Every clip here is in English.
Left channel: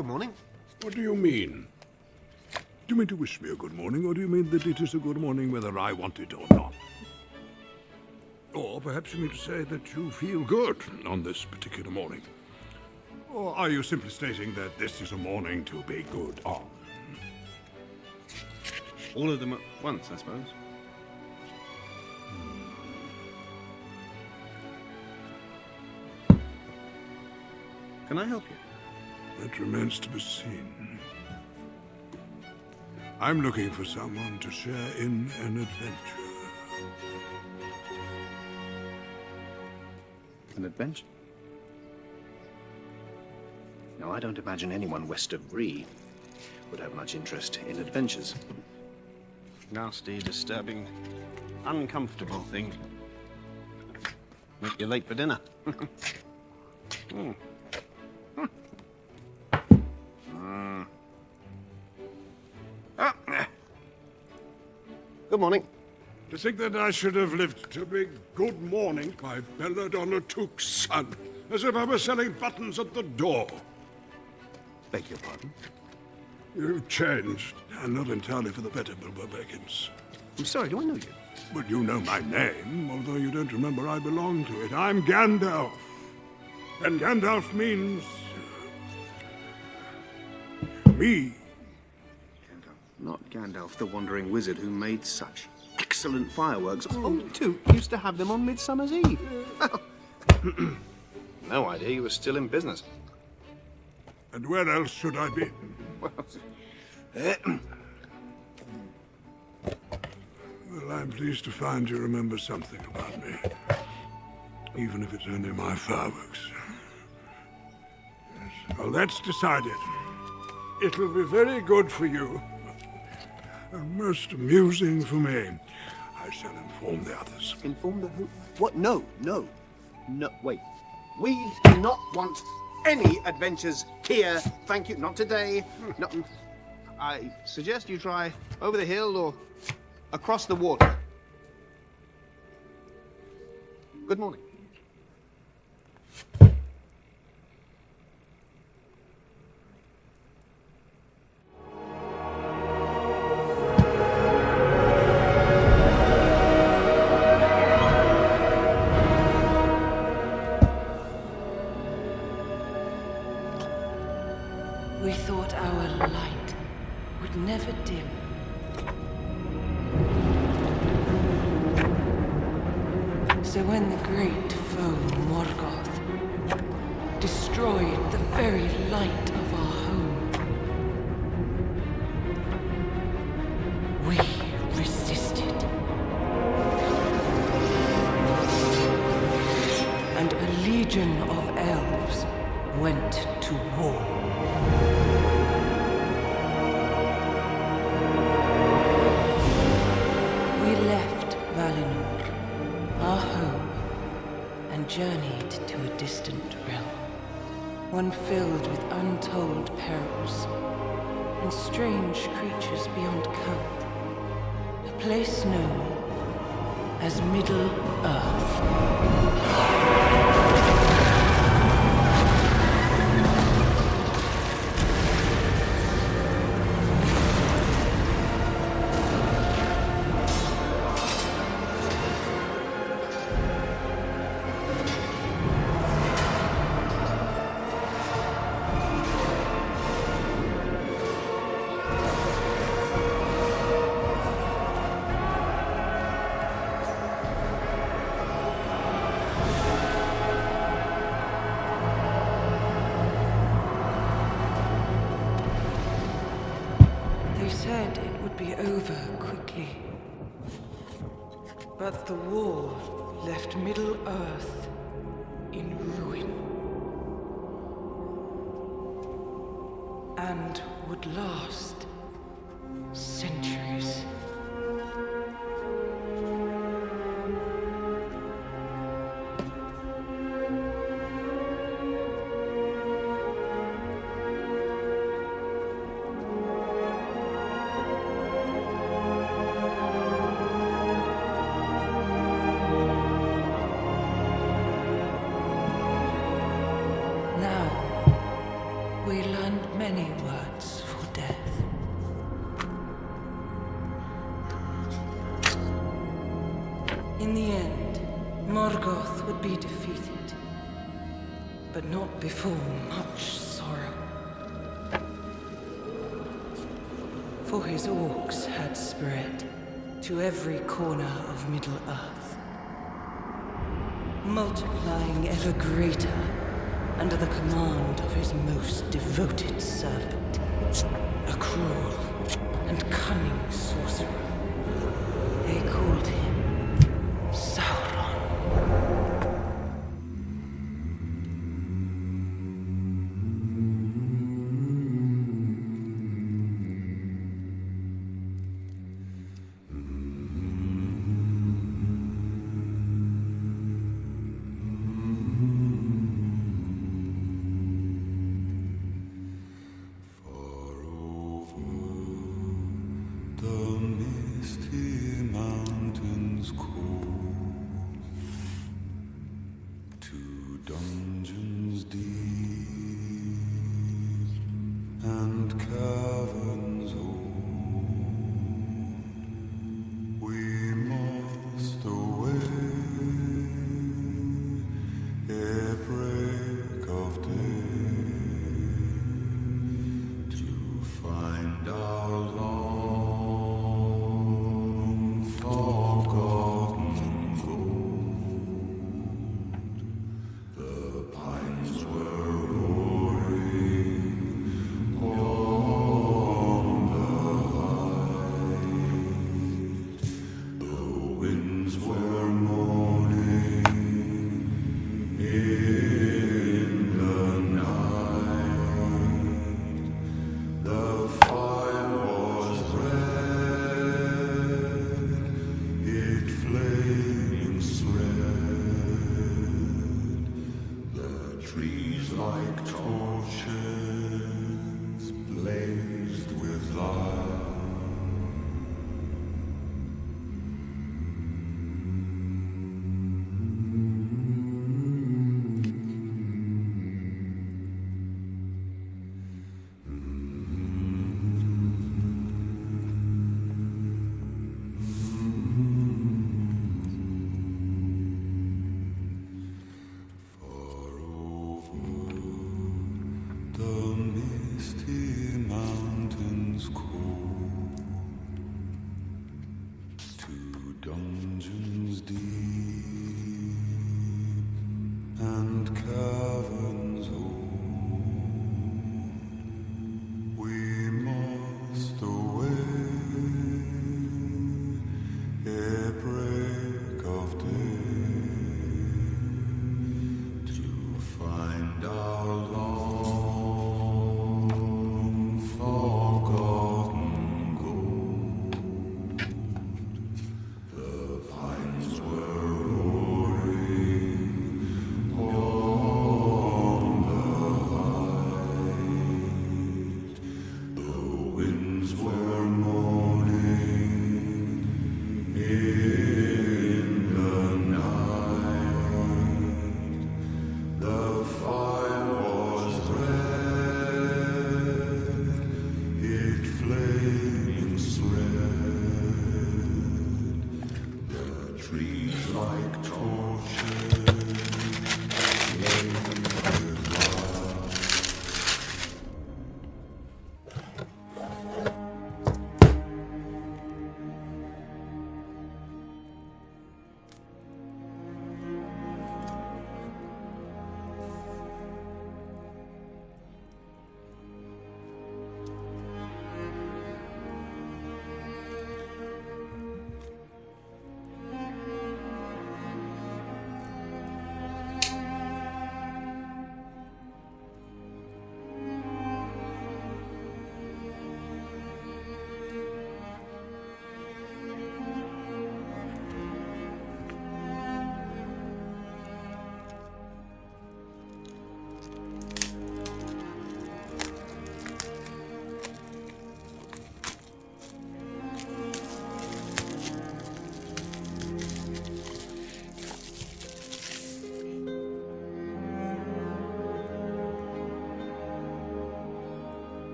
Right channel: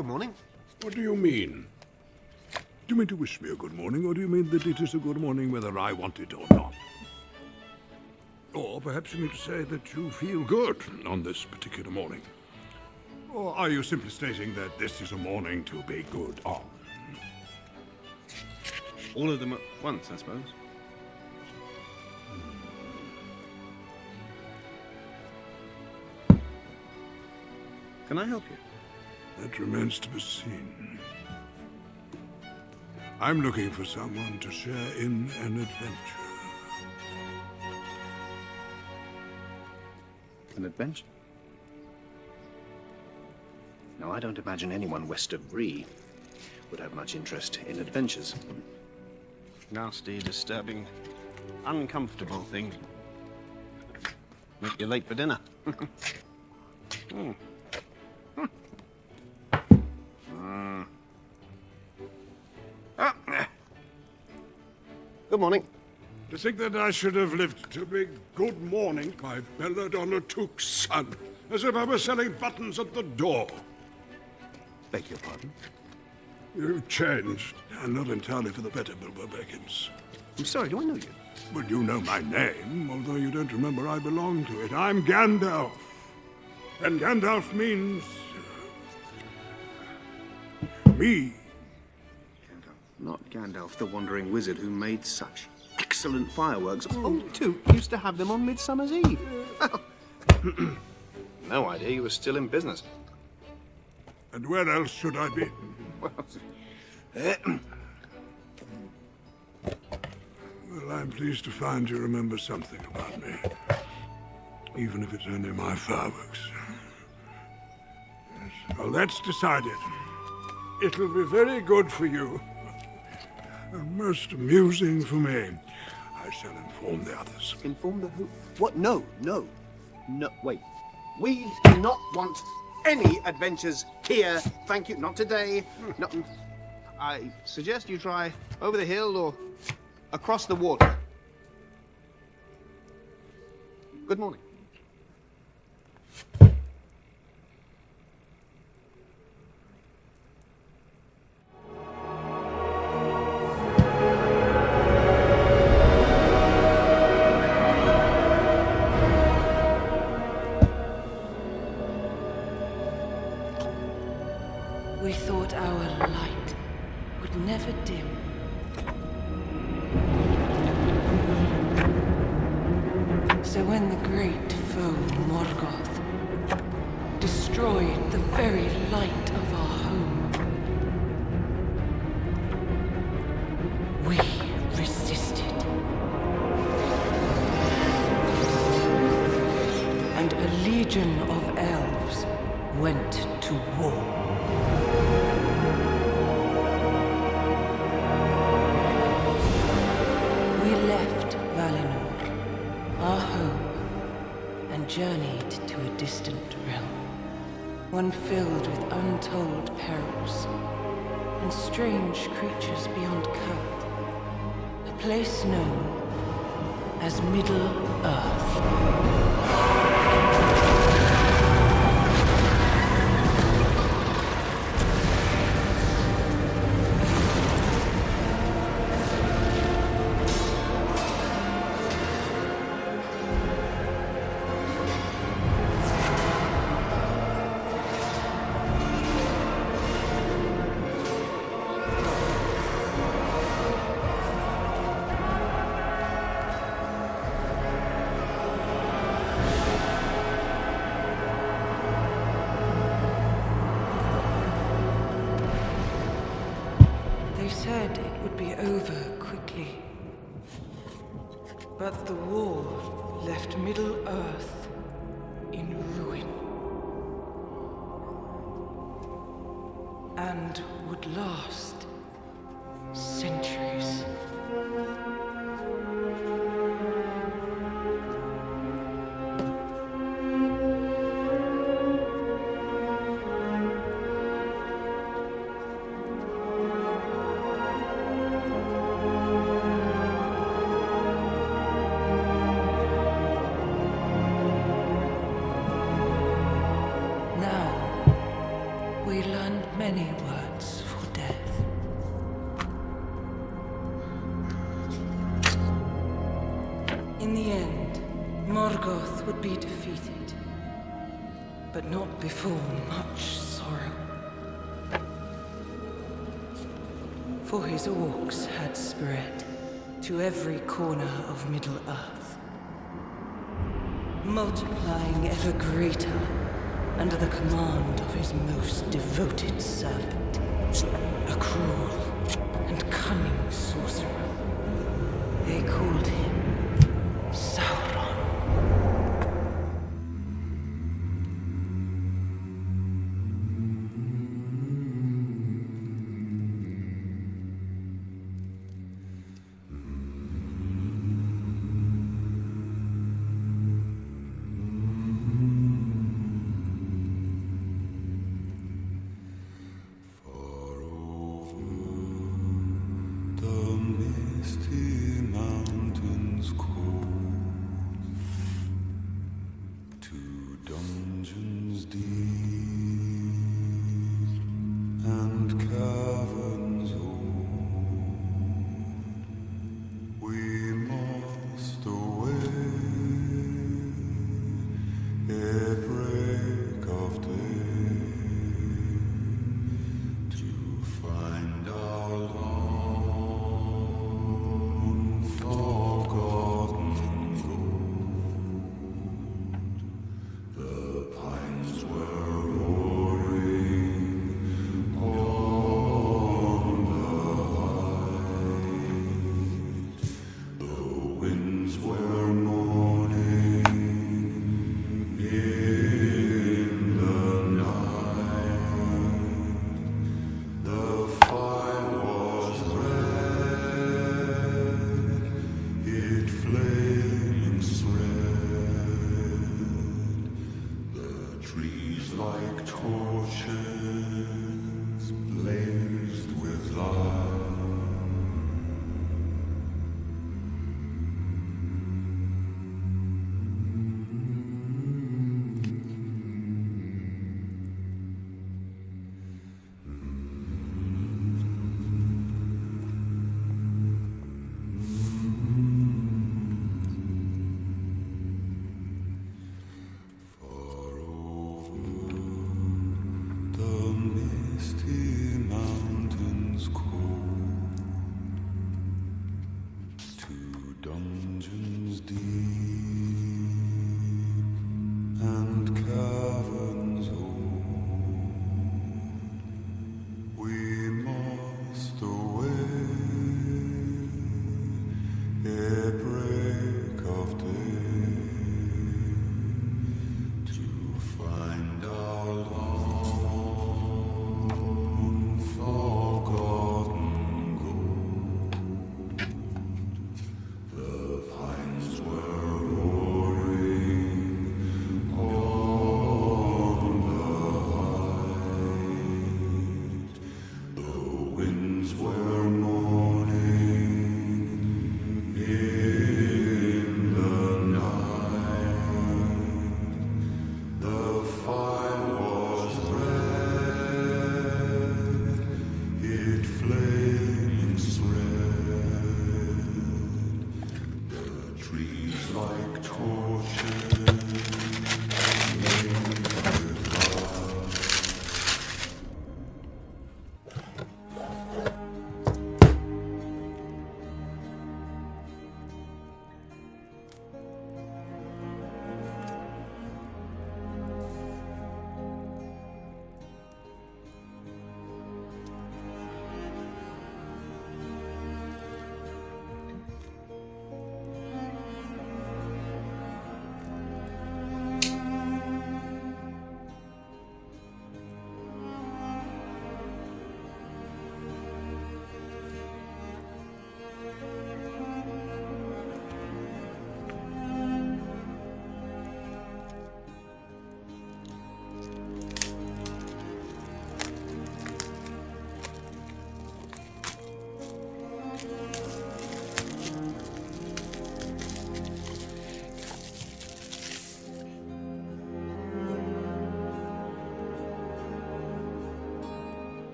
Good morning. What do you mean? Do you mean to wish me a good morning, or do you mean that it is a good morning whether I want it or not? Or perhaps you mean to say that you feel good on this particular morning? Or are you simply stating that this is a morning to be good on? All of them at once, I suppose. Can I help you? That remains to be seen. I'm looking for someone to share in an adventure. An adventure? No, I don't imagine anyone west of Bree would have much interest in adventures. Nasty, disturbing, uncomfortable thing. Make you late for dinner. Good morning. To think that I should have lived to be good morning by Belladonna Took's son, as if I were selling buttons at the door. Beg your pardon? You've changed, and not entirely for the better, Bilbo Baggins. I'm sorry, do I know you? Well, you know my name, although you don't remember I belong to it. I'm Gandalf. And Gandalf means... me. Gandalf. Not Gandalf, the wandering wizard who made such excellent fireworks. Oh, too, used to have them on Midsummer's Eve. No idea you were still in business. And where else should I be? Well, I'm pleased to find you remember something about me. Even if it's only my fireworks. Yes. Well, that's decided. It'll be very good for you. And most amusing for me. I shall inform the others. Inform the who? What? No, no. No, wait. We do not want any adventures here. Thank you. Not today. No. I suggest you try over the hill or across the water. Good morning. We thought our light would never dim. So when the great foe Morgoth destroyed the very light of our home, we resisted. And a legion of elves went to war. We left Valinor, our home, and journeyed to a distant realm. One filled with untold perils and strange creatures beyond count. A place known as Middle-earth. They said it would be over quickly. But the war left Middle-earth in ruin. And would last centuries. Now, we learn and many words for death. In the end, Morgoth would be defeated, but not before much sorrow. For his orcs had spread to every corner of Middle-earth, multiplying ever greater under the command of his most devoted servant, a cruel and cunning sorcerer. They called him Sauron. The misty mountains cold.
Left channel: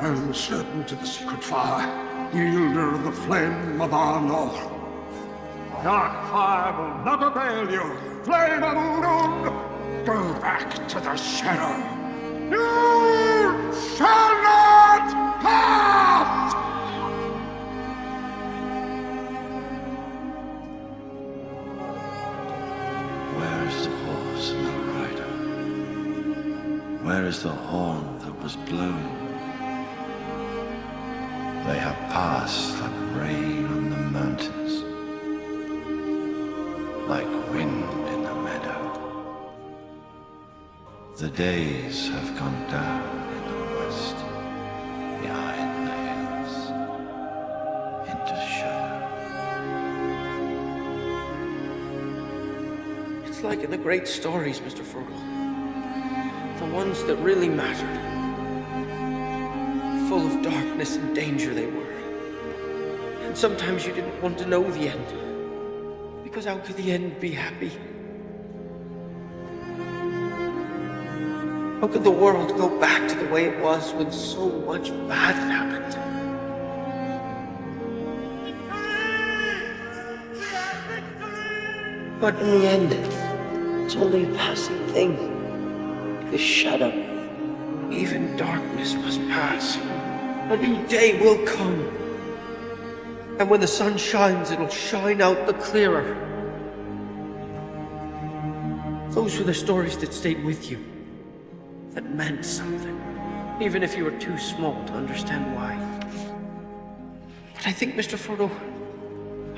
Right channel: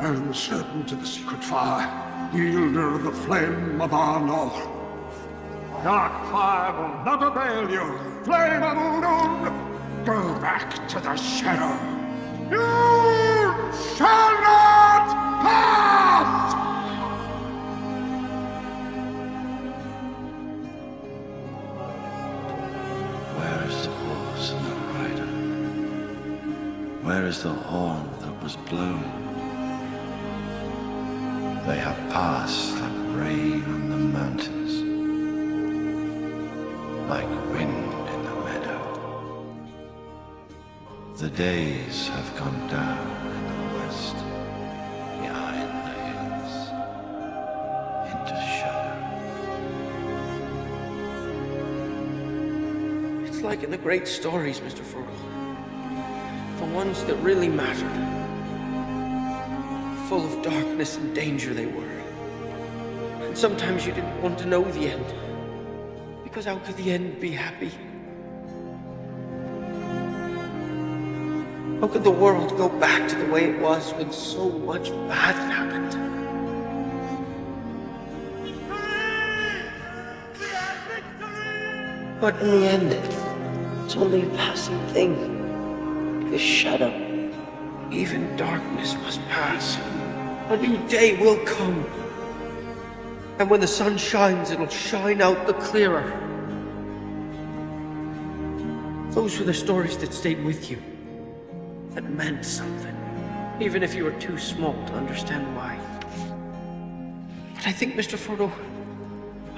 I am servant of the secret fire, wielder of the flame of our Lord. Dark fire will not avail you. Flame of Udun, go back to the shadow. You shall not pass! Where is the horse and the rider? Where is the horn that was blown? They have passed like rain on the mountains, like wind in the meadow. The days have gone down in the west, behind the hills, into shadow. It's like in the great stories, Mr. Frodo. The ones that really mattered. Full of darkness and danger they were. And sometimes you didn't want to know the end. Because how could the end be happy? How could the world go back to the way it was when so much bad had happened? But in the end, it's only a passing thing. This shadow. Even darkness must pass. A new day will come. And when the sun shines, it'll shine out the clearer. Those were the stories that stayed with you. That meant something. Even if you were too small to understand why. But I think, Mr. Frodo,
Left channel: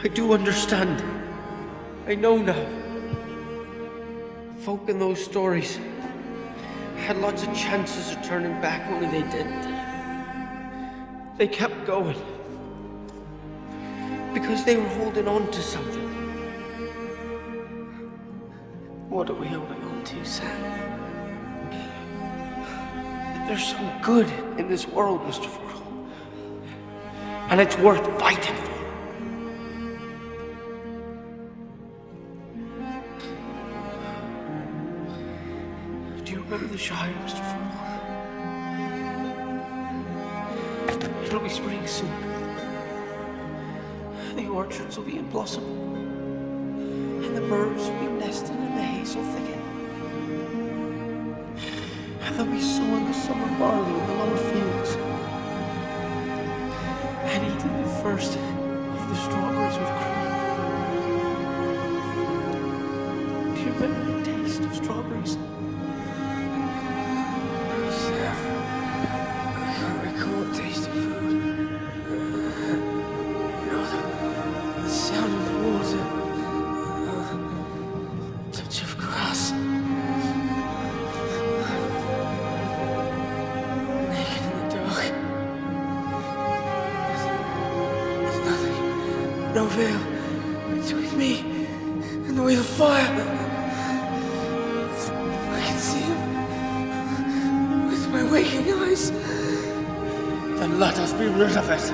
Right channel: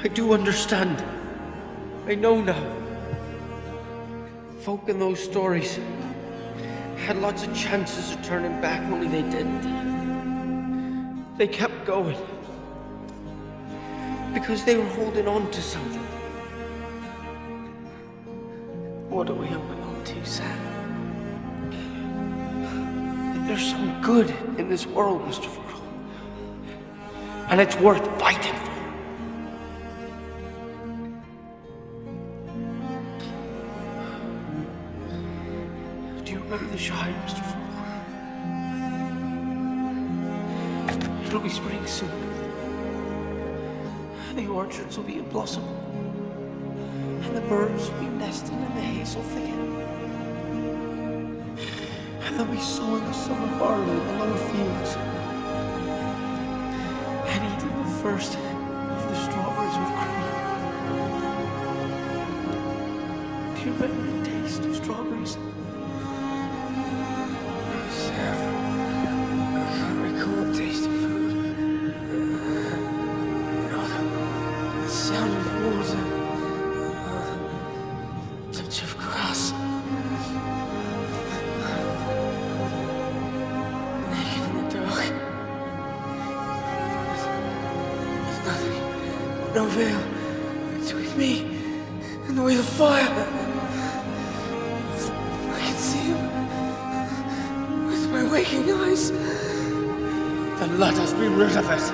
I do understand. I know now. Folk in those stories had lots of chances of turning back, only they didn't. They kept going. Because they were holding on to something. What are we holding on to, Sam? That there's some good in this world, Mr. Frodo. And it's worth fighting for. Do you remember the Shire, Mr. Frodo? It'll be spring soon. The orchards will be in blossom. And the birds will be nesting in the hazel thicket. And they'll be sowing the summer barley in the lower fields. And eating the first of the strawberries with cream. Do you remember the taste of strawberries? Sam, I can't recall the taste of food. The sound of water, touch of grass, naked in the dark. There's nothing, no veil between me and the way of fire. I can see him with my waking eyes. Then let us be rid of it.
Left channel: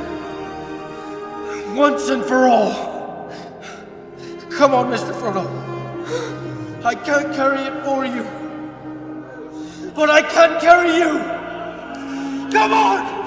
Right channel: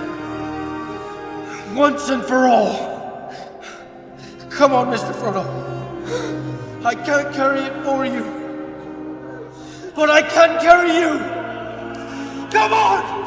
Once and for all. Come on, Mr. Frodo. I can't carry it for you. But I can carry you. Come on!